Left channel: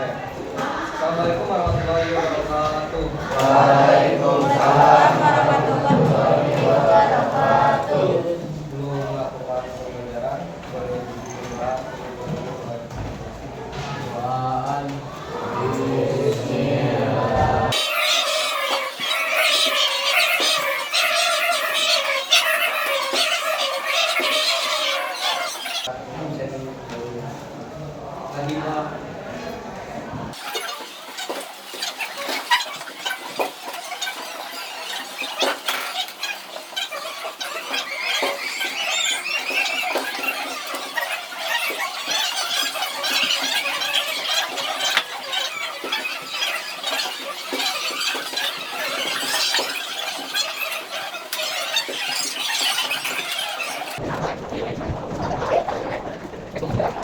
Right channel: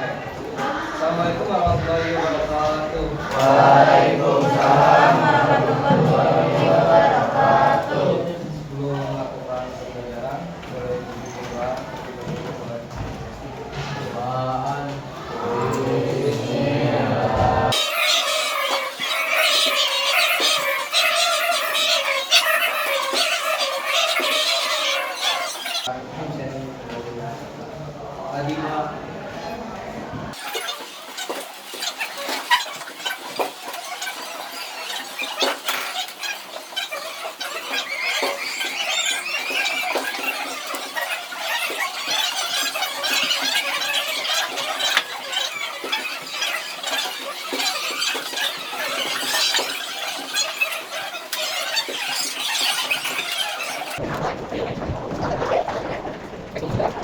Assalamualaikum warahmatullahi wabarakatuh. Waalaikumsalam warahmatullahi wabarakatuh. Sebelum melakukan pembelajaran, boleh dibuka doaan. Bismillah. Adina.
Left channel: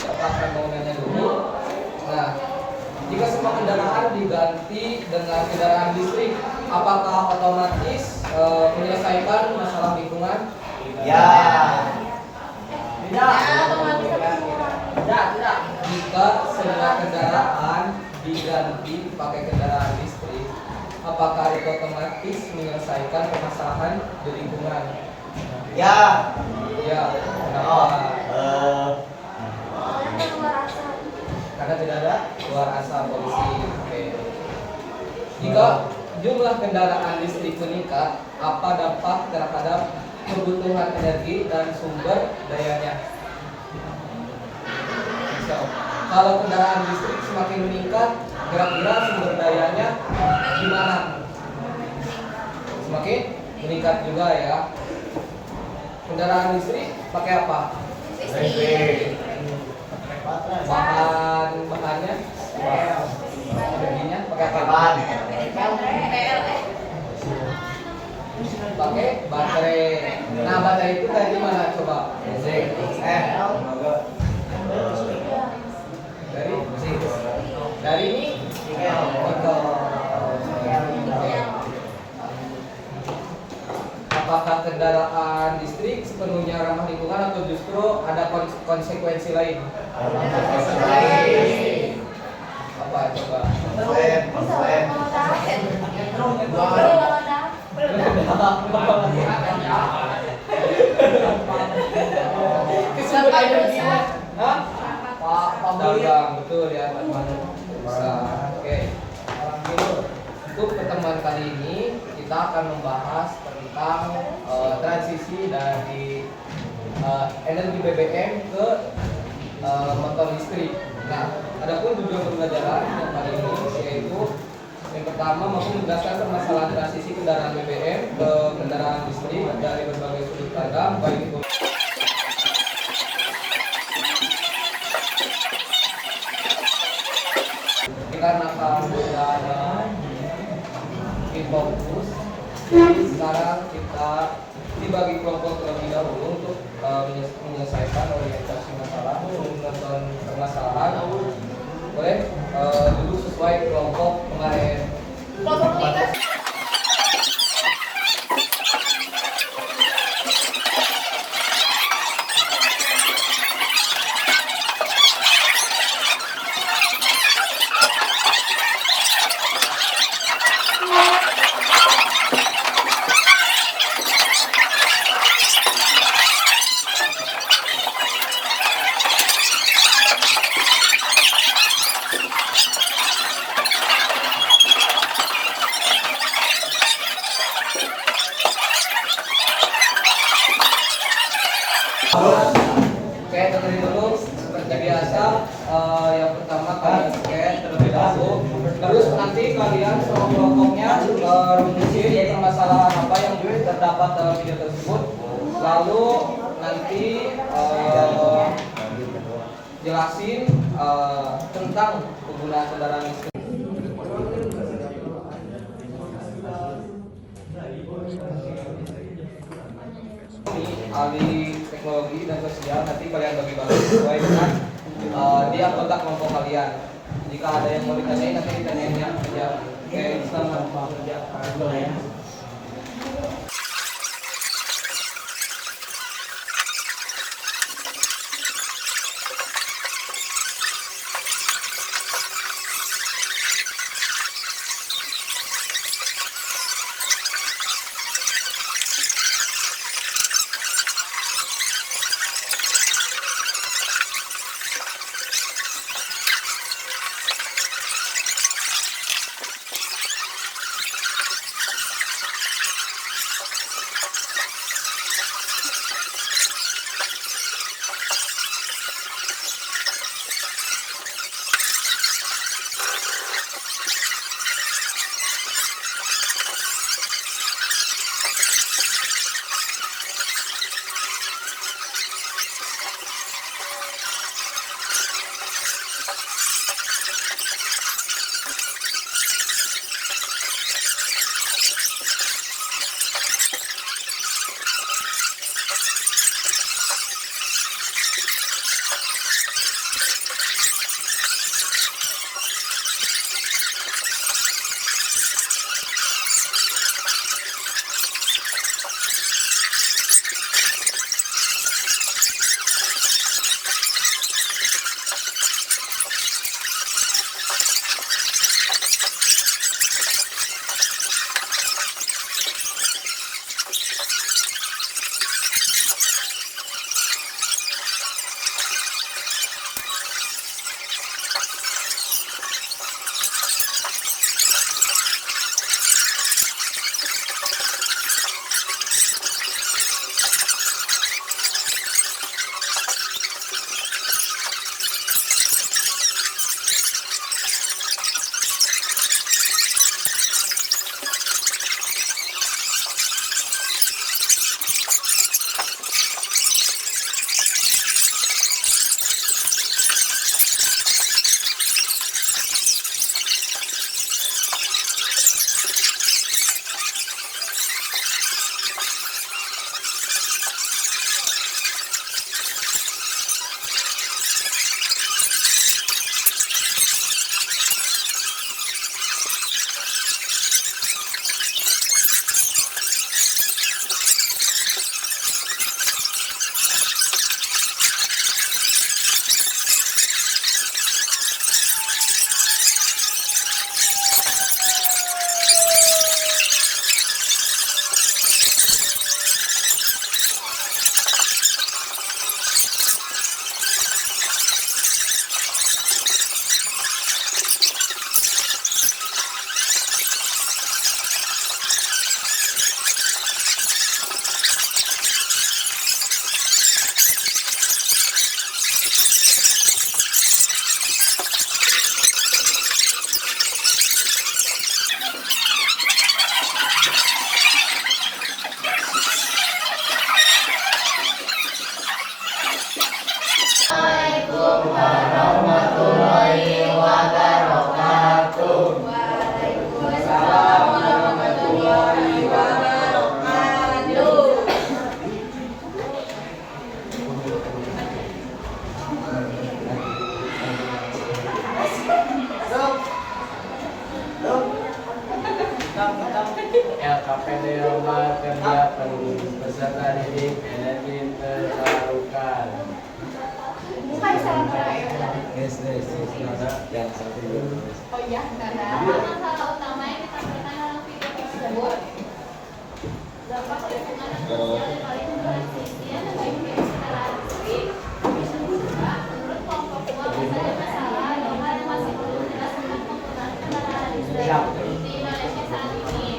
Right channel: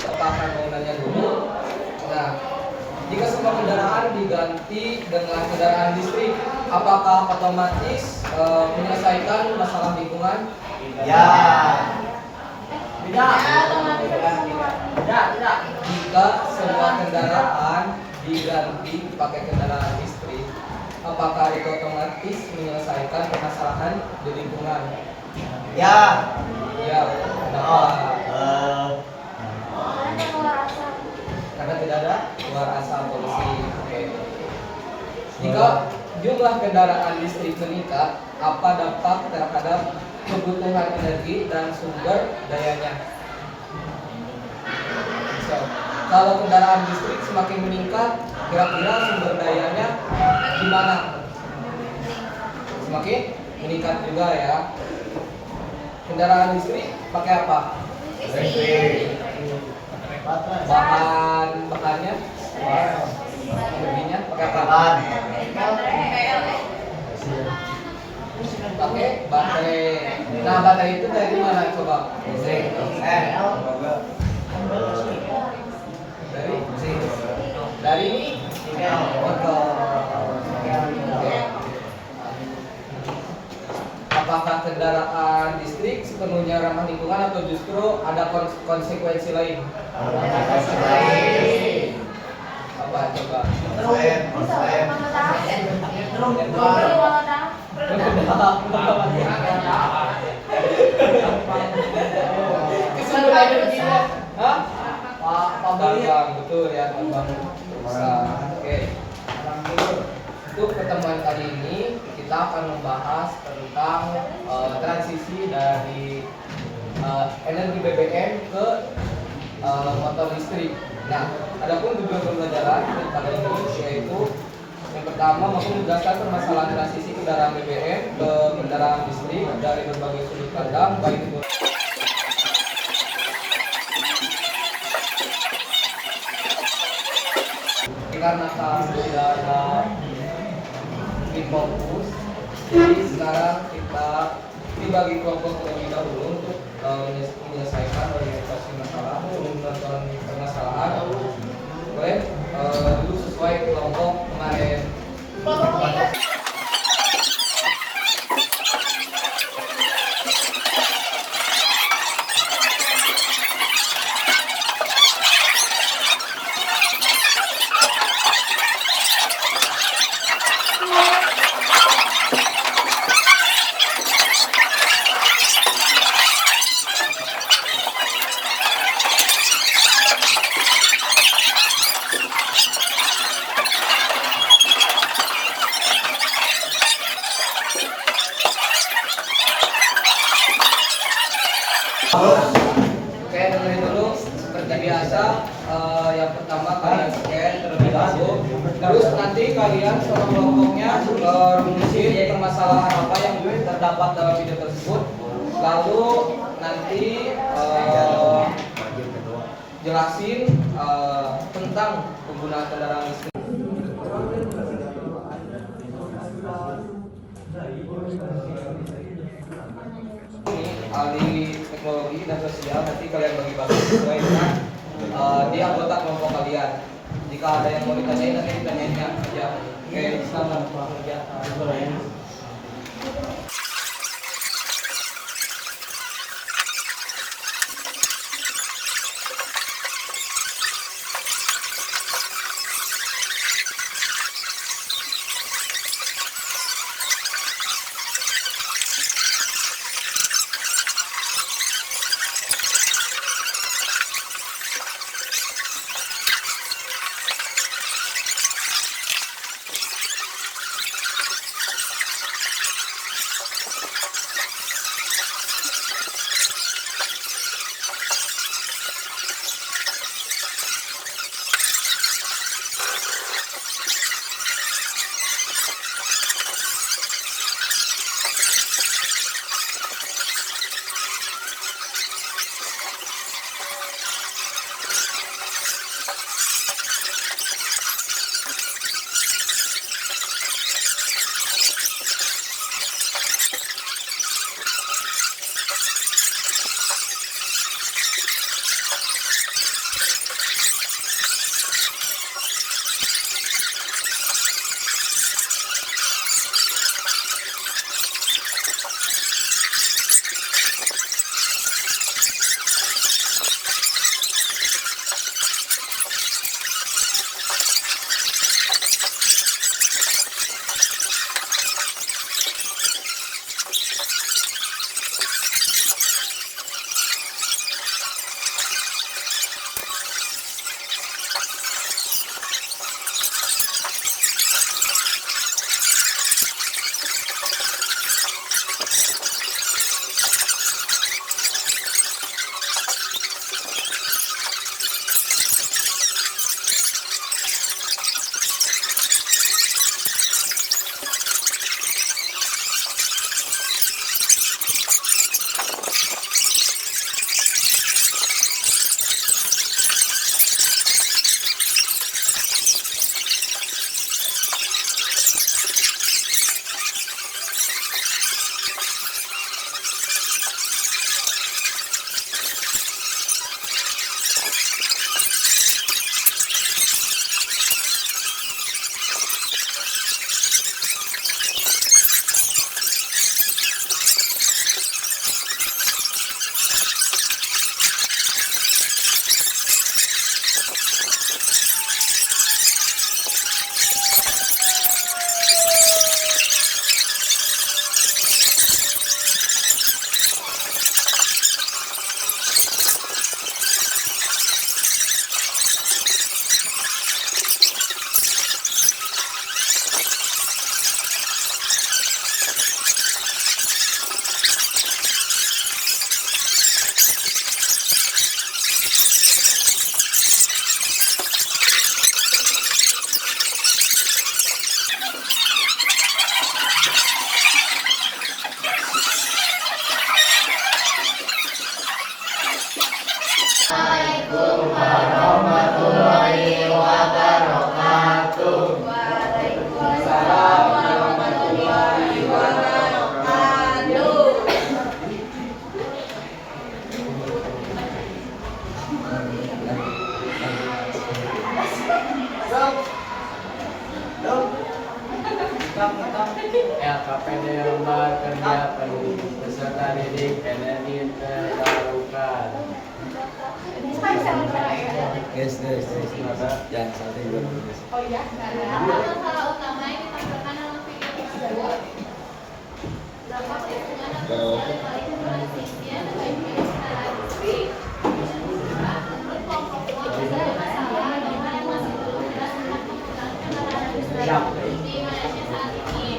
Apa akan mau nanya dulu? Nah, jika semua kendaraan diganti dengan kendaraan listrik, apakah otomatis menyelesaikan masalah lingkungan? Ya. Tidak. Tidak. Jika semua kendaraan diganti pakai kendaraan listrik, apakah itu otomatis menyelesaikan permasalahan di lingkungan? Ya. Ya. Kenapa? Karena tidak ada keluar asap polusi. Oke. Jika jumlah kendaraan listrik meningkat, apa dampak terhadap kebutuhan energi dan sumber dayanya? So, kalau kendaraan listrik semakin meningkat, kira-kira sumber dayanya gimana? Semakin meningkat juga ya. Kendaraan listrik pakai apa? Listrik. Bahannya energinya pakai apa? Pakai baterai. Nah, baterai itu dari mana coba? Listrik. Dari ini apakah kendaraan listrik sepenuhnya ramah lingkungan atau justru ada konsekuensi lain? Apa coba? Kesumber energinya, hah? Pak Dagang, betul ya, Pak Bang. Oke. Untuk pertemuan kali ini kita akan membahas tentang transisi dari energi BBM ke motor listrik. Nah, adapun tujuan pembelajaran pada ini yaitu yang pertama mampu menjelaskan permasalahan transisi kendaraan BBM ke kendaraan listrik dari berbagai sudut pandang, baik itu dikarenakan tidak ada fokus. Jadi sekarang kita dibagi kelompok terlebih dahulu untuk menyelesaikan orientasi masalah, menonton permasalahan. Boleh dulu sesuai kelompok kemarin. Oke, dengerin dulu seperti biasa. Yang pertama kalian scan terlebih dahulu. Terus nanti kalian sama kelompoknya rumusin permasalahan apa yang terdapat dalam video tersebut. Lalu nanti jelasin tentang penggunaan kendaraan listrik. Ahli teknologi dan sosial, nanti kalian bagi-bagi sesuai dengan di anggota kelompok kalian. Jika ada yang mau ditanyain nanti ditanyainnya aja. Oke, selamat bekerja. LKPD Lembar Kerja Penduduk Peserta Didik Energi Terbarukan. Yes. Jangan sampai dulu. Oh iya, hal utama yang ditampilkan dalam video tersebut dampak hubungan sosial dan paling berasisnya bagi kesetaraan listrik. Dan kedua, menurut kelompok uang ada masalah atau hal yang masih belum jelas tentang penggunaan kendaraan listrik di Indonesia saat ini.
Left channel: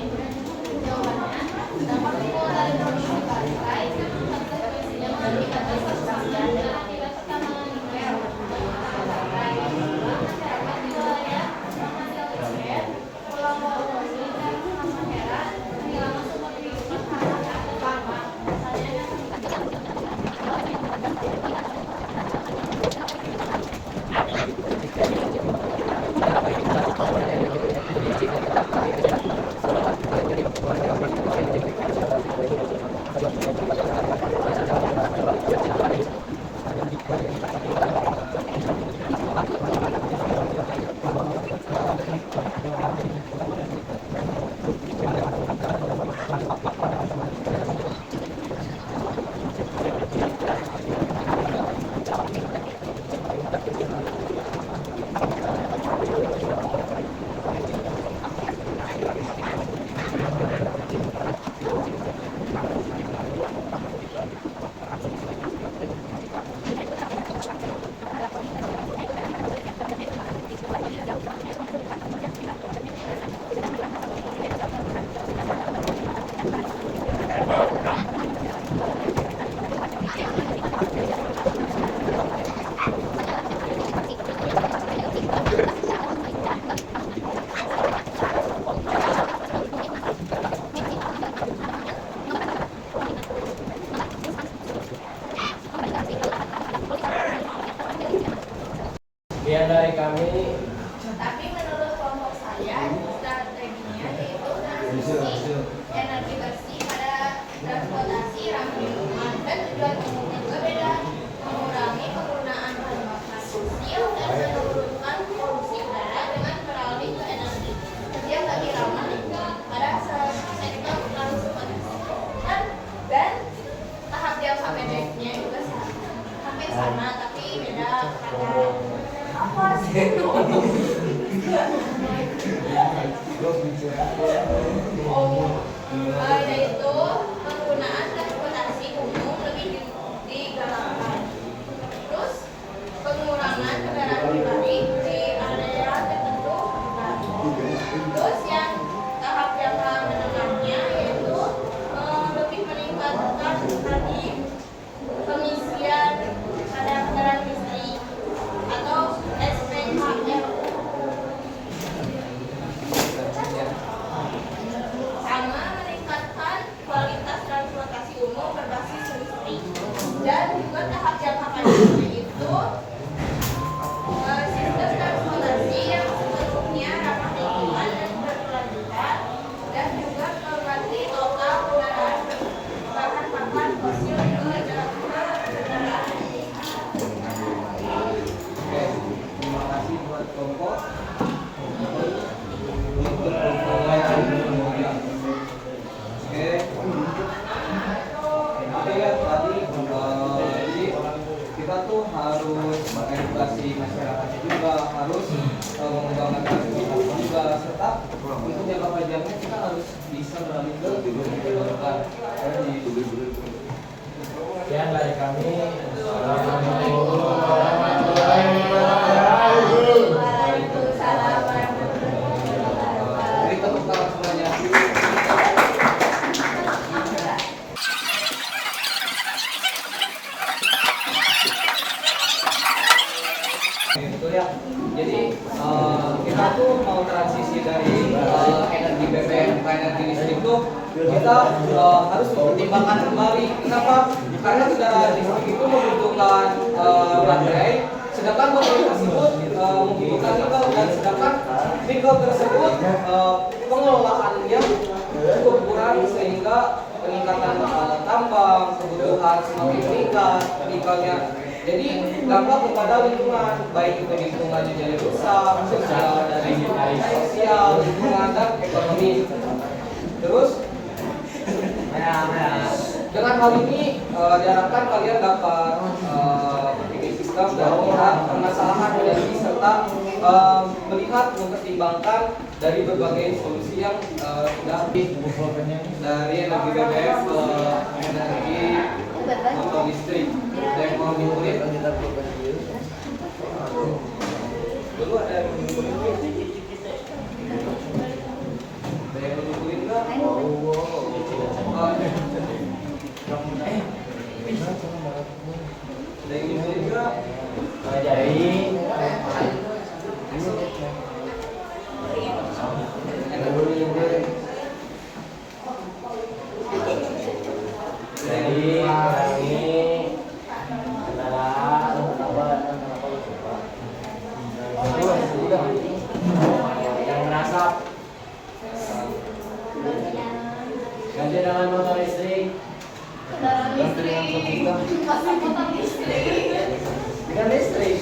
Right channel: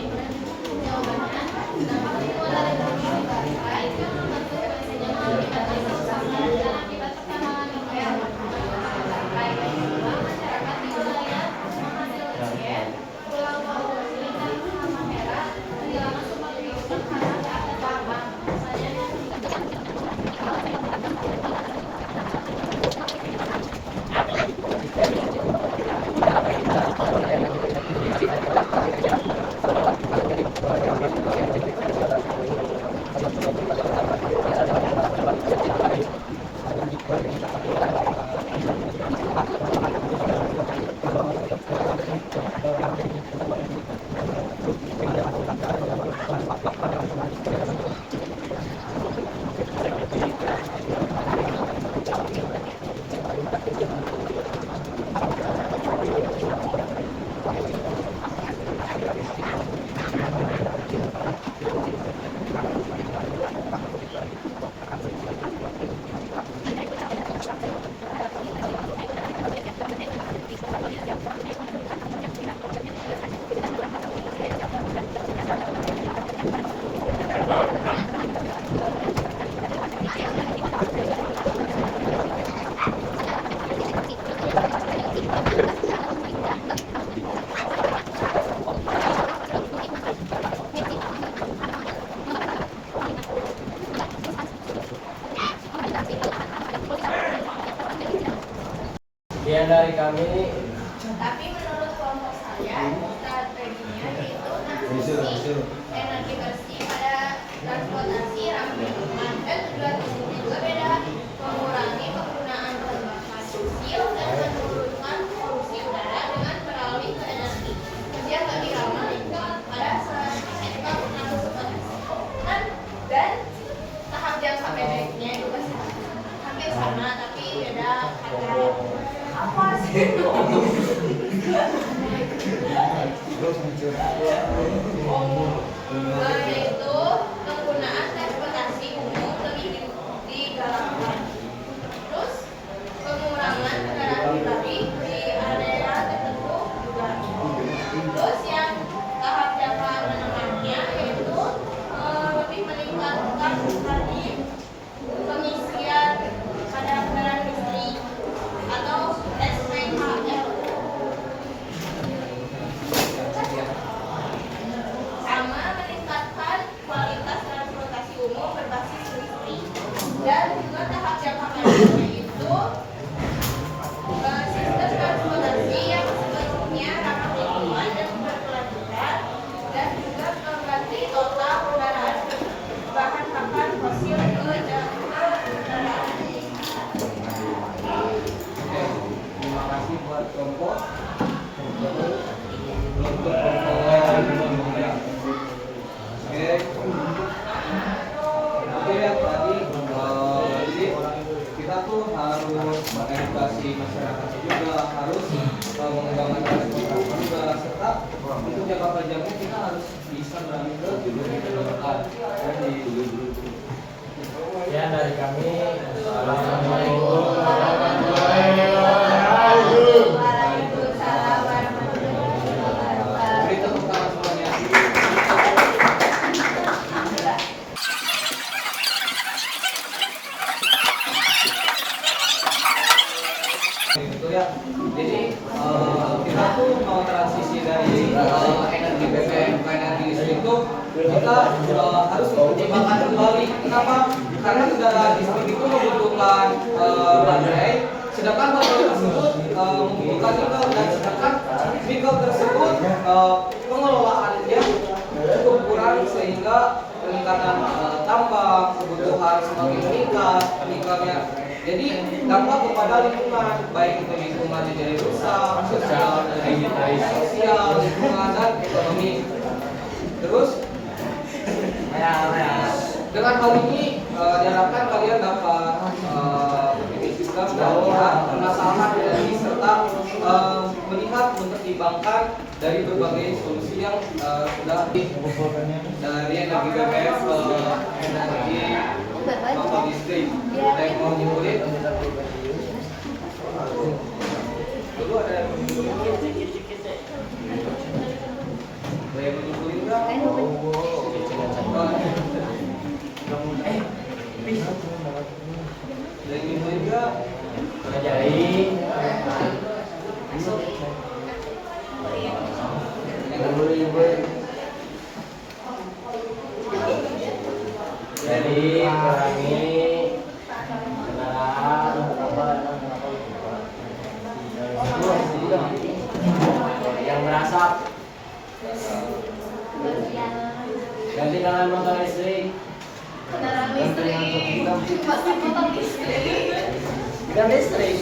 Jawabannya, dampak hubungan dari produksi baterai kan konsekuensinya mengakibatkan kerusakan dan akibat pertambangan nikel. Masyarakat di wilayah penghasil nikel, Pulau Bawang dan Halmahera kehilangan sumber kehidupan karena ada tambang. Misalnya Yaitu penggunaan transportasi umum lebih digalakkan. Terus pengurangan kendaraan pribadi di area tertentu juga. Terus yang tahap jangka menengahnya yaitu lebih meningkatkan lagi pengisian pada kendaraan listrik atau SPKL. Sama meningkatkan kualitas transportasi umum berbasis listrik. Dan juga tahap jangka panjangnya itu sistem transportasi yang sepenuhnya ramah lingkungan dan berkelanjutan, dan juga mengganti total kendaraan berbahan bakar fosil ke kendaraan listrik. Oke, terima kasih buat kelompok. Untuk kelompok lain juga. Oke. Oke ya tadi jadi kita tuh harus mengedukasi masyarakat juga, harus mengembangkan transportasi juga, serta untuk jangka panjangnya kita harus bisa beralih ke terdekat. Ya, dari kami Assalamualaikum warahmatullahi Waalaikumsalam warahmatullahi wabarakatuh. Beri tepuk tangan semuanya. Itu ya. Jadi kita tuh mau transisi dari energi BBM ke energi listrik tuh kita harus mempertimbangkan kembali. Kenapa? Karena kendaraan listrik itu membutuhkan baterai, sedangkan baterai tersebut membutuhkan nikel, dan sedangkan nikel tersebut pengelolaannya cukup kurang, sehingga peningkatan tambang kebutuhan semakin meningkat nikelnya. Jadi dampak kepada lingkungan, baik itu lingkungannya jadi rusak, sosial dari sosial, lingkungan dan ekonomi. Terus dengan hal ini diharapkan kalian dapat berpikir sistem dan melihat permasalahan energi, serta melihat mempertimbangkan dari berbagai solusi yang sudah dari energi BBM ke energi motor listrik. Ada yang mau nyimpulin? Dulu ada yang mau nyimpulin? Ada yang mau nyimpulin nggak? Ada yang nyimpulin nggak? Ajaib. Yang nggak boleh nyimpulin. Jadi kami yang merasa ganti dengan motor listrik. Kendaraan listrik, masa motor listrik. Bukan listrik.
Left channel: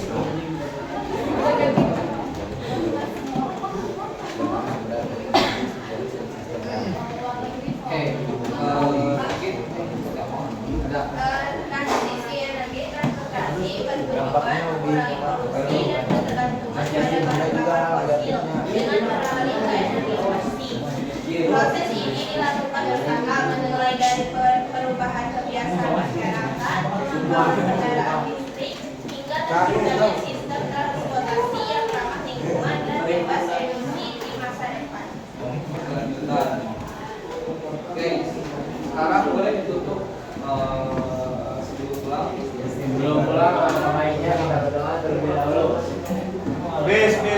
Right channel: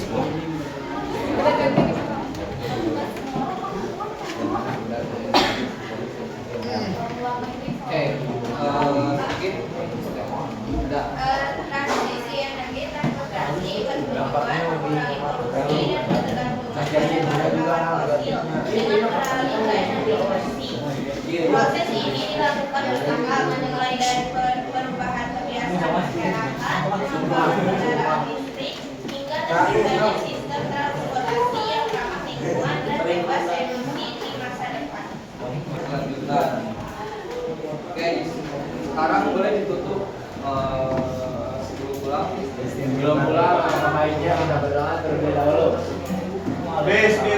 Oke, mungkin ada Transisi energi transportasi bertujuan mengurangi polusi dan ketergantungan pada bahan bakar fosil dengan beralih ke energi bersih. Proses ini dilakukan bertahap, dimulai dari perubahan kebiasaan masyarakat, pengembangan kendaraan listrik, hingga terciptanya sistem transportasi yang ramah lingkungan dan bebas emisi di masa depan. lanjutan. Oke, sekarang boleh ditutup sebelum pulang. Sebelum pulang, baiknya kita berdoa terlebih dahulu. Bismillah.